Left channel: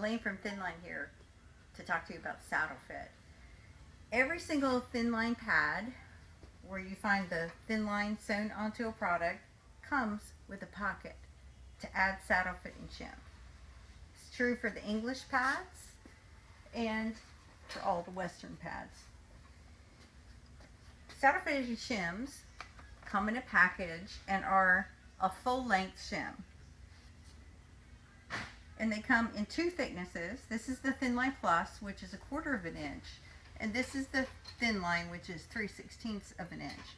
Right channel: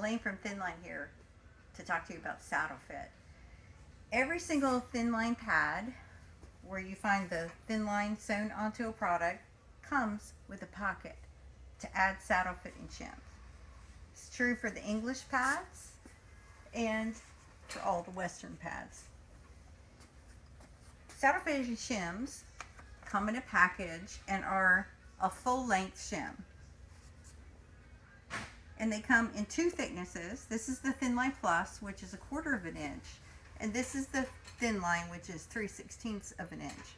Elaine from Thinline here to talk to you about saddle fit. Every single Thinline pad where you find the Thinline sewn onto a product comes with a pocket to add saddle fit and shim. It's true for the English pads and for all the Western pads. Saddle fit and shims come in a package and are a full length shim. And they come in two thicknesses. This is the Thinline Plus, which is 1/4 of an inch. And this is the Thinline, which is 3/16 of an inch.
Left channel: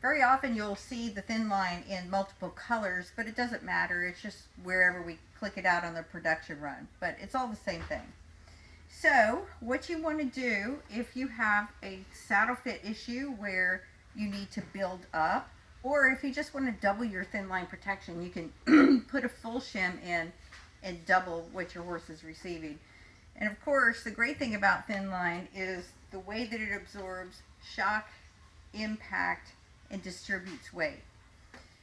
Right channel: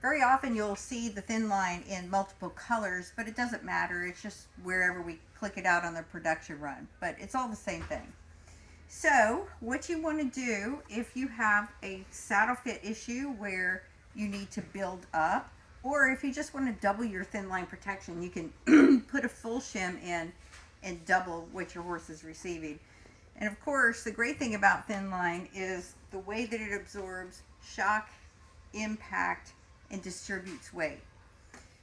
Very often you'll see the Thinline in multiple colors, but it doesn't matter. It's just wherever we click it out on the production run. But it's all the same thing. So what you want to do if you have a saddle fit issue where you need to build up, or if you just want to double your Thinline protection, you can put a full shim in and double what your horse is receiving. And of course, the great thing about Thinline is the way that it absorbs shock, impact, and distributes weight.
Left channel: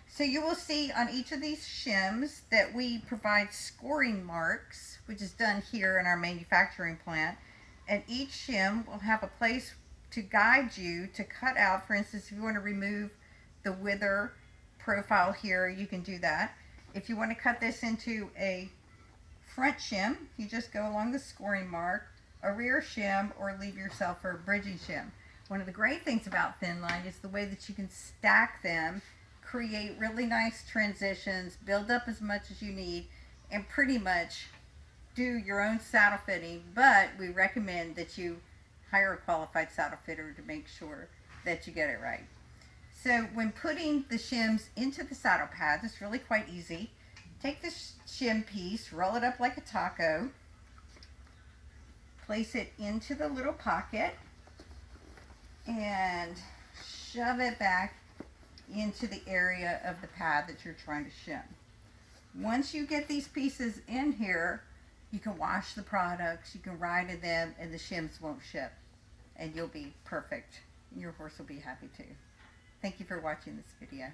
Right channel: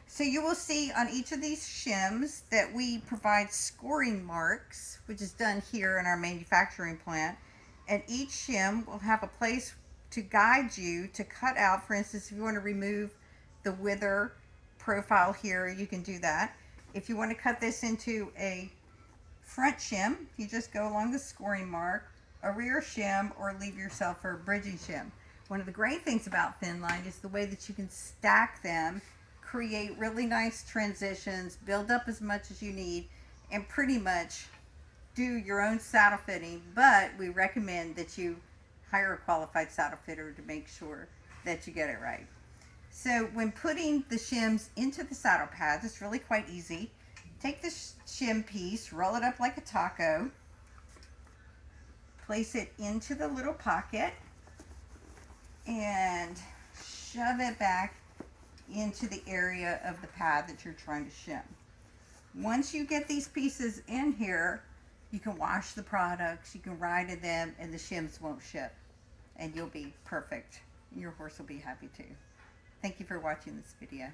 So you will see on each of these shims that we provide scoring marks, which is done here in our manufacturing plant. And each shim will have a place to guide you to cut out. For instance, if you want to remove the wither profile here, you can do that. If you want to cut this into a front shim, you just go along the scoring mark, a rear shim, or leave yourself for a bridging shim. One of the great things about Thinline is the way that you can stack them, create really nice transitions, build up as much as you need, and pretty much do your own saddle fitting. But we recommend that you hire a qualified saddle fitter to make sure that you get it right. So when putting the shims into the saddle pads, it's really quite easy. Take the shim piece, roll it up like a taco, place it into the little pocket, and shove it back into the area of the pad that you're trying to shim. Once you get these pieces in here, you can wash the products, you can ride in them, and the shims won't ship. And you'll be perfect. Your horse will be happy too. Thank you for watching this video.